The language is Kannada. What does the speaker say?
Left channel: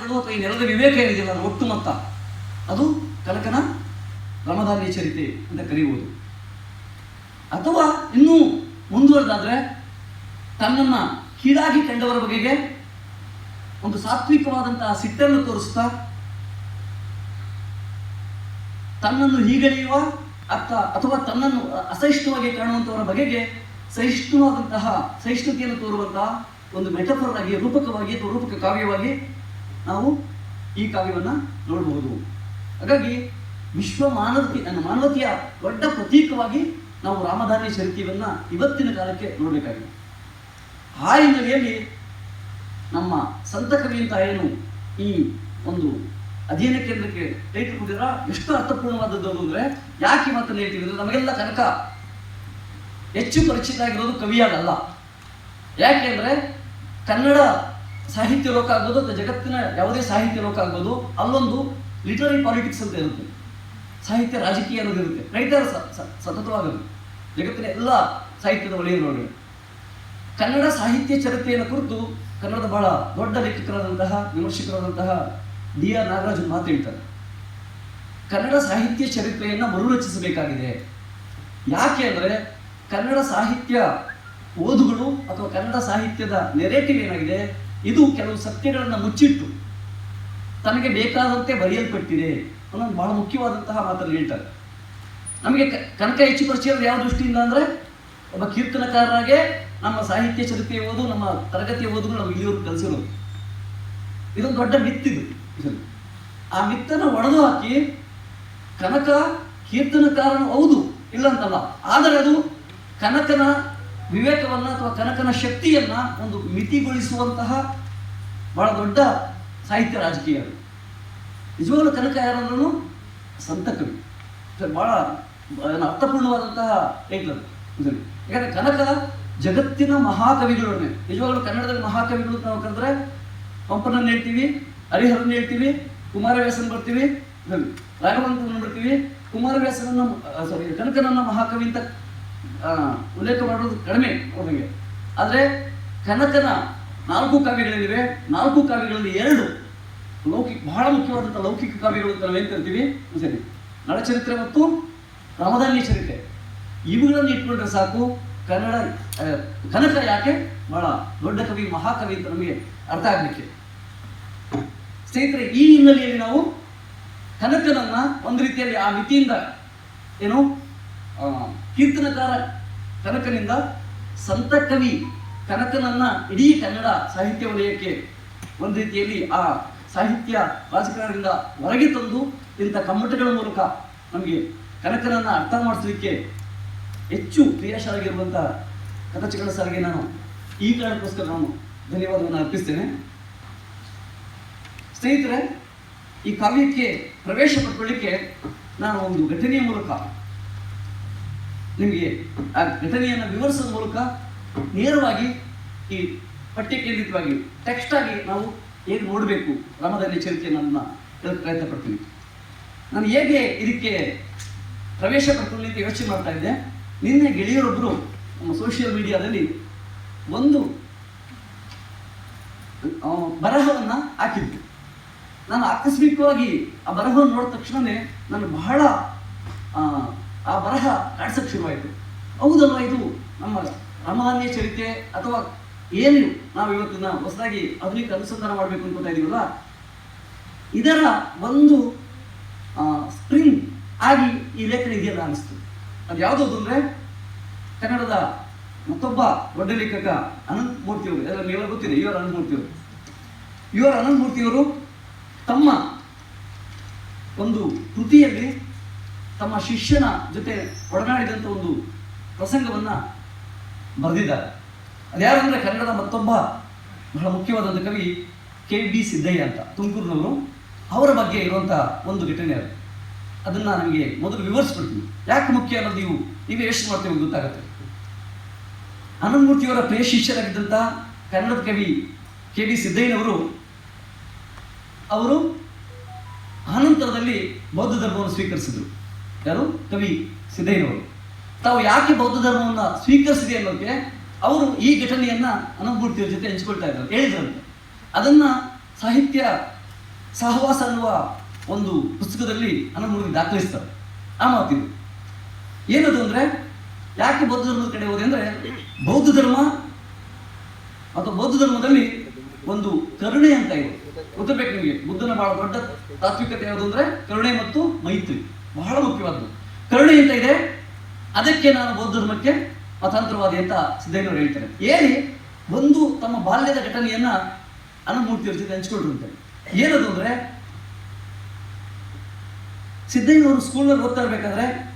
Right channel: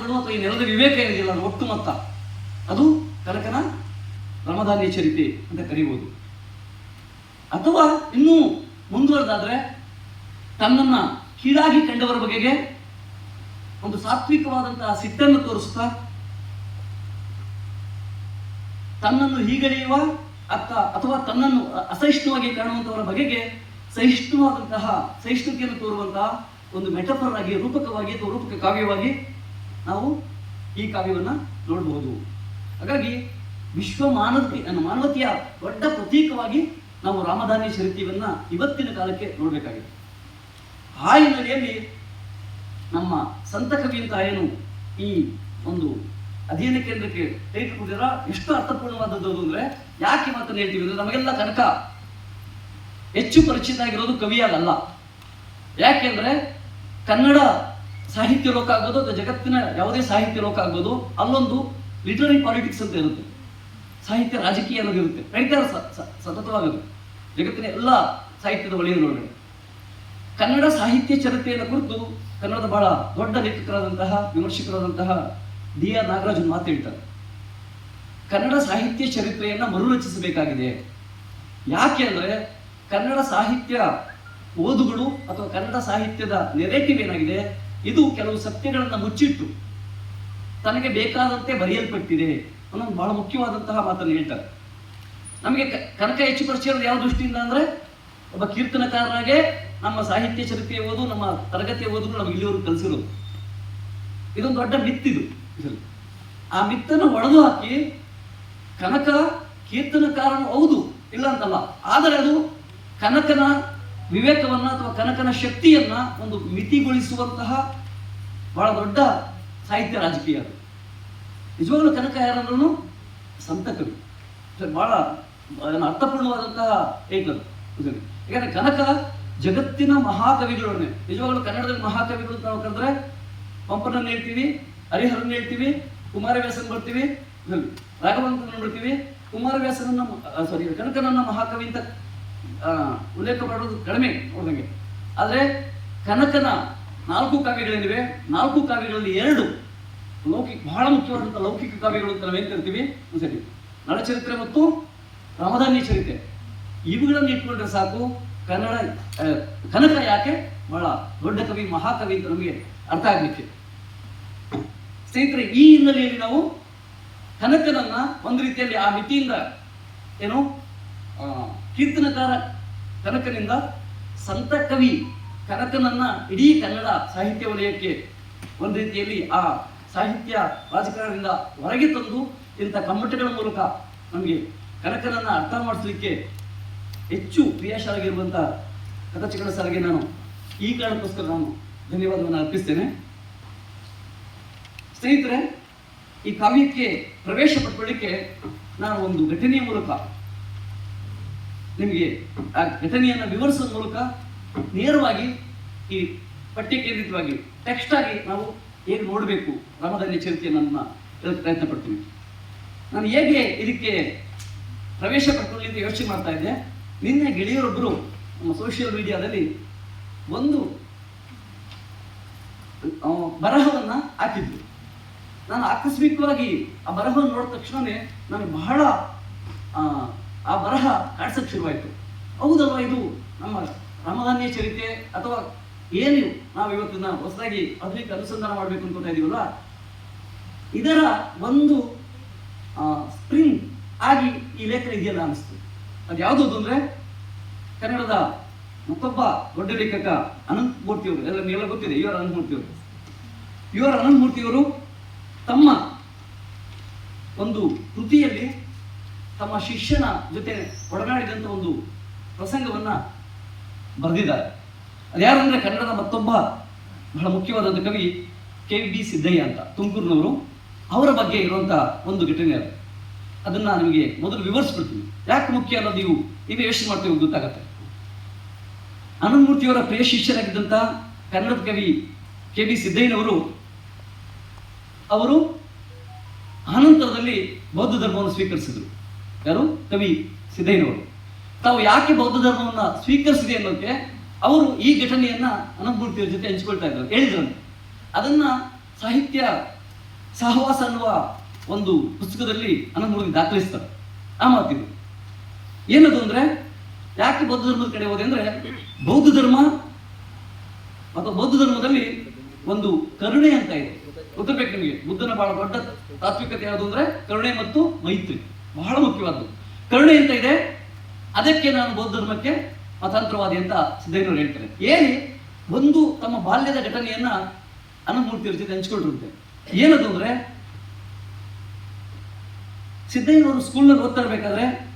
ಸಿದ್ಧಾಂತಗಳು ಅಥವಾ ವಿವೇಕ ಏನಿದೆಯಲ್ಲ ಒಟ್ಟು ಮೊತ್ತ. ಅದು ಕನಕನ ರಮದಾನಿಯ ಚರಿತೆ ಅಂತ ಕರೆಯುವುದು ಅಥವಾ ಇನ್ನೂ ಮುಂದುವರೆದಾದ್ರೆ ತನ್ನನ್ನ ಕೀಳಾಗಿ ಕಂಡವರ ಬಗೆಗೆ ಒಂದು ಸಾತ್ವಿಕವಾದಂತಹ ಸಿಟ್ಟನ್ನು ತೋರಿಸ್ತಾ ತನ್ನನ್ನು ಹೀಗಳೆಯುವ ಅರ್ಥ ಅಥವಾ ತನ್ನನ್ನು ಅಸಹಿಷ್ಣುವಾಗಿ ಕಾಣುವಂಥವರ ಬಗೆಗೆ ಸಹಿಷ್ಣುವಾದಂತಹ ಸಹಿಷ್ಣುತೆಯನ್ನು ತೋರುವಂತಹ ಒಂದು ಮೆಟಫರ್ ರೂಪಕವಾಗಿ ಅಥವಾ ರೂಪಕ ಕಾವ್ಯವಾಗಿ ನಾವು ಈ ಕಾವ್ಯವನ್ನು ನೋಡಬಹುದು. ಹಾಗಾಗಿ ವಿಶ್ವ ಮಾನವತೆ ಮಾನವತೆಯ ದೊಡ್ಡ ಪ್ರತೀಕವಾಗಿ ನಾವು ರಾಮಧಾನಿ ಚರಿತ್ಯವನ್ನ ಇವತ್ತಿನ ಕಾಲಕ್ಕೆ ನೋಡಬೇಕಾಗಿದೆ. ಆ ಹಿನ್ನೆಲೆಯಲ್ಲಿ ನಮ್ಮ ಸಂತ ಕವಿ ಅಂತ ಏನು ಈ ಒಂದು ಅಧ್ಯಯನ ಕೇಂದ್ರಕ್ಕೆ ಕೊಟ್ಟಿರ ಎಷ್ಟು ಅರ್ಥಪೂರ್ಣವಾದದ್ದು ಅಂದರೆ ಯಾಕೆ ಮಾತನ್ನು ಹೇಳ್ತೀವಿ ಅಂದ್ರೆ ನಮಗೆಲ್ಲ ಕನಕ ಹೆಚ್ಚು ಪರಿಚಿತ ಆಗಿರೋದು ಕವಿಯಾಗಲ್ಲ ಯಾಕೆಂದ್ರೆ ಕನ್ನಡ ಸಾಹಿತ್ಯ ಲೋಕ ಆಗೋದು ಅಥವಾ ಜಗತ್ತಿನ ಯಾವುದೇ ಸಾಹಿತ್ಯ ಲೋಕ ಆಗೋದು ಅಲ್ಲೊಂದು ಲಿಟರರಿ ಪಾಲಿಟಿಕ್ಸ್ ಅಂತ ಇರುತ್ತೆ. ಸಾಹಿತ್ಯ ರಾಜಕೀಯ ಅನ್ನೋದು ಇರುತ್ತೆ. ರೈತರ ಸತತವಾಗಿರುತ್ತೆ ಜಗತ್ತಿನ ಎಲ್ಲ ಸಾಹಿತ್ಯದ ಒಳಗೆ ಕನ್ನಡ ಸಾಹಿತ್ಯ ಚರಿತ್ರೆಯನ್ನು ಕುರಿತು ಕನ್ನಡದ ಬಹಳ ದೊಡ್ಡ ಲೇಖಕರಾದಂತಹ, ವಿಮರ್ಶಕರಾದಂತಹ ಡಿ ಆರ್ ನಾಗರಾಜ್ ಮಾತು ಹೇಳ್ತಾರೆ. ಕನ್ನಡ ಸಾಹಿತ್ಯ ಚರಿತ್ರೆಯನ್ನ ಮರುರಚಿಸಬೇಕಾಗಿದೆ. ಯಾಕೆ ಅಂದರೆ ಕನ್ನಡ ಸಾಹಿತ್ಯ ಓದುಗಳು ಅಥವಾ ಕನ್ನಡ ಸಾಹಿತ್ಯದ ನೆರೇಟಿವ್ ಏನಾಗಿದೆ? ಇದು ಕೆಲವು ಸತ್ಯಗಳನ್ನು ಮುಚ್ಚಿಟ್ಟು ತನಗೆ ಬೇಕಾದಂತೆ ಬರೆಯಲ್ಪಟ್ಟಿದೆ ಅನ್ನೋದು ಬಹಳ ಮುಖ್ಯವಾದಂತಹ ಮಾತನ್ನು ಹೇಳ್ತಾರೆ ನಮಗೆ ಕನಕ ಹೆಚ್ಚು ಪರಿಚಯ ಯಾವ ದೃಷ್ಟಿಯಿಂದ ಅಂದರೆ ಒಬ್ಬ ಕೀರ್ತನಕಾರರಾಗೆ ನಮ್ಮ ಸಾಹಿತ್ಯ ಚರಿತ್ರೆ ಓದು, ನಮ್ಮ ತರಗತಿ ಓದುಗಳು ನಮ್ಗೆ ಇಲ್ಲಿವರೆಗೂ ಕಲಿಸಿರೋದು ಇದೊಂದು ದೊಡ್ಡ ಮಿತ್ತಿದು. ಆ ಮಿತ್ತನ್ನು ಒಡೆದು ಹಾಕಿ ಕನಕ ಕೀರ್ತನಕಾರನು ಹೌದು ಇಲ್ಲ ಅಂತಲ್ಲ, ಆದರೆ ಅದು ಕನಕನ ವಿವೇಕವನ್ನ ಅಥವಾ ಕನಕನ ಶಕ್ತಿಯನ್ನ ಒಂದು ಮಿತಿಗೊಳಿಸುವಂತಹ ಬಹಳ ದೊಡ್ಡ ಸಾಹಿತ್ಯ ರಾಜಕೀಯ. ನಿಜವಾಗಲೂ ಕನಕ ಯಾರನ್ನು ಸಂತ ಕವಿ. ಬಹಳ ಅರ್ಥಪೂರ್ಣವಾದಂತಹ ಟೈಟ್ಲ್ ಇದರಲ್ಲಿ ಯಾಕಂದ್ರೆ ಕನಕ ಜಗತ್ತಿನ ಮಹಾಕವಿಗಳೊಡನೆ, ನಿಜವಾಗ್ಲೂ ಕನ್ನಡದಲ್ಲಿ ಮಹಾಕವಿಗಳು ಅಂತ ನಾವು ಕರೆದ್ರೆ ಪಂಪನನ್ನು ಹೇಳ್ತೀವಿ ಹರಿಹರನ್ ಹೇಳ್ತೀವಿ, ಕುಮಾರವ್ಯಾಸನ ಬರ್ತೀವಿ ರಾಘವಂತನ ಬರ್ತೀವಿ, ಕುಮಾರವ್ಯಾಸನನ್ನ ಸಾರಿ ಕನಕನನ್ನ ಮಹಾಕವಿ ಅಂತ ಉಲ್ಲೇಖ ಮಾಡೋದು ಕಡಿಮೆ ಅವ್ರಿಗೆ ಆದರೆ ಕನಕನ ನಾಲ್ಕು ಕಾವ್ಯಗಳೇನಿವೆ? ನಾಲ್ಕು ಕಾವ್ಯಗಳಲ್ಲಿ ಎರಡು ಲೌಕಿಕ, ಬಹಳ ಮುಖ್ಯವಾದಂಥ ಲೌಕಿಕ ಕಾವ್ಯಗಳು ಅಂತ ನಾವೇನು ಕರಿತೀವಿ? ಸರಿ. ನಳಚರಿತ್ರೆ ಮತ್ತು ರಾಮಧಾನ್ಯ ಚರಿತ್ರೆ. ಇವುಗಳನ್ನು ಇಟ್ಕೊಂಡ್ರೆ ಸಾಕು. ಕನ್ನಡ ಕನಕ ಯಾಕೆ? ಬಹಳ ದೊಡ್ಡ ಕವಿ, ಮಹಾಕವಿ ಅಂತ ನಮಗೆ ಅರ್ಥ ಆಗಲಿಕ್ಕೆ. ಸ್ನೇಹಿತರೆ, ಈ ಹಿನ್ನೆಲೆಯಲ್ಲಿ ನಾವು ಕನಕನನ್ನ ಒಂದು ರೀತಿಯಲ್ಲಿ ಆ ಮಿತಿಯಿಂದ ಏನು ಕೀರ್ತನಕಾರ ಕನಕನಿಂದ ಸಂತ ಕವಿ ಕನಕನನ್ನ ಇಡೀ ಕನ್ನಡ ಸಾಹಿತ್ಯ ವಲಯಕ್ಕೆ ಒಂದು ರೀತಿಯಲ್ಲಿ ಆ ಸಾಹಿತ್ಯ ರಾಜಕಾರಣದಿಂದ ಹೊರಗೆ ತಂದು ಇಂಥ ಕಮ್ಮಟಗಳ ಮೂಲಕ ನಮಗೆ ಕನಕನನ್ನ ಅರ್ಥ ಮಾಡಿಸ್ಲಿಕ್ಕೆ ಹೆಚ್ಚು ಕ್ರಿಯಾಶಾಲಾಗಿರುವಂತಹ ಕಥಚಿಕಳ ಸಾರಿಗೆ ನಾನು ಈ ಕಾರಣಕ್ಕೋಸ್ಕರ ನಾನು ಧನ್ಯವಾದವನ್ನು ಅರ್ಪಿಸ್ತೇನೆ. ಸ್ನೇಹಿತರೆ, ಈ ಕಾವ್ಯಕ್ಕೆ ಪ್ರವೇಶ ಪಡ್ಕೊಳ್ಳಿಕ್ಕೆ ನಾನು ಒಂದು ಘಟನೆಯ ಮೂಲಕ ನಿಮಗೆ, ಆ ಘಟನೆಯನ್ನು ವಿವರಿಸುವ ಮೂಲಕ ನೇರವಾಗಿ ಈ ಪಠ್ಯ ಕೇಂದ್ರಿತವಾಗಿ ಟೆಕ್ಸ್ಟ್ ಆಗಿ ನಾವು ಏನು ನೋಡಬೇಕು? ರಾಮಧಾನ್ಯ ಚರಿತ್ರೆಯನ್ನು ಹೇಳಕ್ಕೆ ಪ್ರಯತ್ನ ಪಡ್ತೀನಿ. ನಾನು ಹೇಗೆ ಇದಕ್ಕೆ ಪ್ರವೇಶ ಪಡ್ಕೊಳ್ಳಿ ಅಂತ ಯೋಚನೆ ಮಾಡ್ತಾ ಇದ್ದೆ. ನಿನ್ನೆ ಗೆಳೆಯರೊಬ್ಬರು ನಮ್ಮ ಸೋಷಿಯಲ್ ಮೀಡಿಯಾದಲ್ಲಿ ಒಂದು ಬರಹವನ್ನು ಹಾಕಿದ್ದು ನಾನು ಆಕಸ್ಮಿಕವಾಗಿ ಆ ಬರಹವನ್ನು ನೋಡಿದ ತಕ್ಷಣವೇ ನನಗೆ ಬಹಳ ಆ, ಆ ಬರಹ ಕಾಡ್ಸಕ್ಕೆ ಶುರುವಾಯಿತು ಹೌದಲ್ವ ಇದು ನಮ್ಮ ರಾಮಧಾನ್ಯ ಚರಿತ್ರೆ ಅಥವಾ ಏನು ನಾವು ಇವತ್ತಿನ ಹೊಸದಾಗಿ ಆಧುನಿಕ ಅನುಸಂಧಾನ ಮಾಡಬೇಕು ಅನ್ಕೊತಾ ಇದೀವಲ್ಲ ಇದರ ಒಂದು ಸ್ಪ್ರಿಂಗ್ ಆಗಿ ಈ ಲೇಖನ ಇದೆಯಲ್ಲ ಅನಿಸ್ತು. ಅದು ಯಾವುದು ಅಂದ್ರೆ ಕನ್ನಡದ ಮತ್ತೊಬ್ಬ ದೊಡ್ಡ ಲೇಖಕ ಅನಂತ ಮೂರ್ತಿಯವರು ಎಲ್ಲ ನೀವೆಲ್ಲ ಗೊತ್ತಿದೆ ಇವರ ಅನಂತ ಮೂರ್ತಿಯವರು ಇವರ ಅನಂತ ಮೂರ್ತಿಯವರು ತಮ್ಮ ಒಂದು ಕೃತಿಯಲ್ಲಿ ತಮ್ಮ ಶಿಷ್ಯನ ಜೊತೆ ಒಡನಾಡಿದಂಥ ಒಂದು ಪ್ರಸಂಗವನ್ನ ಬರೆದಿದ್ದಾರೆ. ಅದ್ಯಾರಂದ್ರೆ ಕನ್ನಡದ ಮತ್ತೊಬ್ಬ ಬಹಳ ಮುಖ್ಯವಾದಂಥ ಕವಿ ಕೆ ಡಿ ಸಿದ್ದಯ್ಯ ಅಂತ, ತುಮಕೂರಿನವರು. ಅವರ ಬಗ್ಗೆ ಇರುವಂತಹ ಒಂದು ಘಟನೆ ಅದು. ಅದನ್ನ ನಿಮಗೆ ಮೊದಲು ವಿವರಿಸ್ಬಿಡ್ತೀನಿ. ಯಾಕೆ ಮುಖ್ಯ ಅನ್ನೋದು ನೀವು ನೀವು ಯೋಚನೆ ಮಾಡ್ತೀವಿ ಗೊತ್ತಾಗತ್ತೆ. ಅನಂತಮೂರ್ತಿಯವರ ಪ್ರಿಯ ಶಿಷ್ಯರಾಗಿದ್ದಂತಹ ಕನ್ನಡದ ಕವಿ ಕೆ ಬಿ ಸಿದ್ದಯ್ಯನವರು, ಅವರು ಅನಂತರದಲ್ಲಿ ಬೌದ್ಧ ಧರ್ಮವನ್ನು ಸ್ವೀಕರಿಸಿದ್ರು. ಯಾರು? ಕವಿ ಸಿದ್ದಯ್ಯನವರು. ತಾವು ಯಾಕೆ ಬೌದ್ಧ ಧರ್ಮವನ್ನು ಸ್ವೀಕರಿಸಿದೆ ಅನ್ನೋಕೆ ಅವರು ಈ ಘಟನೆಯನ್ನ ಅನುಭೂತಿಯ ಜೊತೆ ಹಂಚ್ಕೊಳ್ತಾ ಇದ್ರು. ಹೇಳಿದ್ರು. ಅದನ್ನ ಸಾಹಿತ್ಯ ಸಹವಾಸ ಅನ್ನುವ ಒಂದು ಪುಸ್ತಕದಲ್ಲಿ ಅನುಮೂಲಕ್ಕೆ ದಾಖಲಿಸ್ತಾರೆ. ಆ ಮಾತಿದು. ಏನದು ಅಂದ್ರೆ, ಯಾಕೆ ಬೌದ್ಧ ಧರ್ಮದ ಕಡೆ ಹೋದೆ ಅಂದ್ರೆ, ಬೌದ್ಧ ಧರ್ಮ ಅಥವಾ ಬೌದ್ಧ ಧರ್ಮದಲ್ಲಿ ಒಂದು ಕರುಣೆ ಅಂತ ಇದೆ. ಗೊತ್ತಬೇಕು ನಿಮಗೆ? ಬುದ್ಧನ ಬಹಳ ದೊಡ್ಡ ತಾತ್ವಿಕತೆ ಯಾವುದು ಅಂದ್ರೆ, ಕರುಣೆ ಮತ್ತು ಮೈತ್ರಿ. ಬಹಳ ಮುಖ್ಯವಾದದ್ದು. ಕರುಣೆ ಅಂತ ಇದೆ? ಅದಕ್ಕೆ ನಾನು ಬೌದ್ಧ ಧರ್ಮಕ್ಕೆ ಮತಾಂತರವಾದಿ ಅಂತ ಸಿದ್ದಯ್ಯನವರು ಹೇಳ್ತಾರೆ. ಏನಿ ಒಂದು ತಮ್ಮ ಬಾಲ್ಯದ ಘಟನೆಯನ್ನ ಅನುಮೂರ್ತಿ ಜೊತೆ ಹಂಚ್ಕೊಳ್ರಂತೆ ಏನದು ಅಂದ್ರೆ, ಸಿದ್ದಯ್ಯನವರು ಸ್ಕೂಲ್ನಲ್ಲಿ ಓದ್ತಾ ಇರ್ಬೇಕಾದ್ರೆ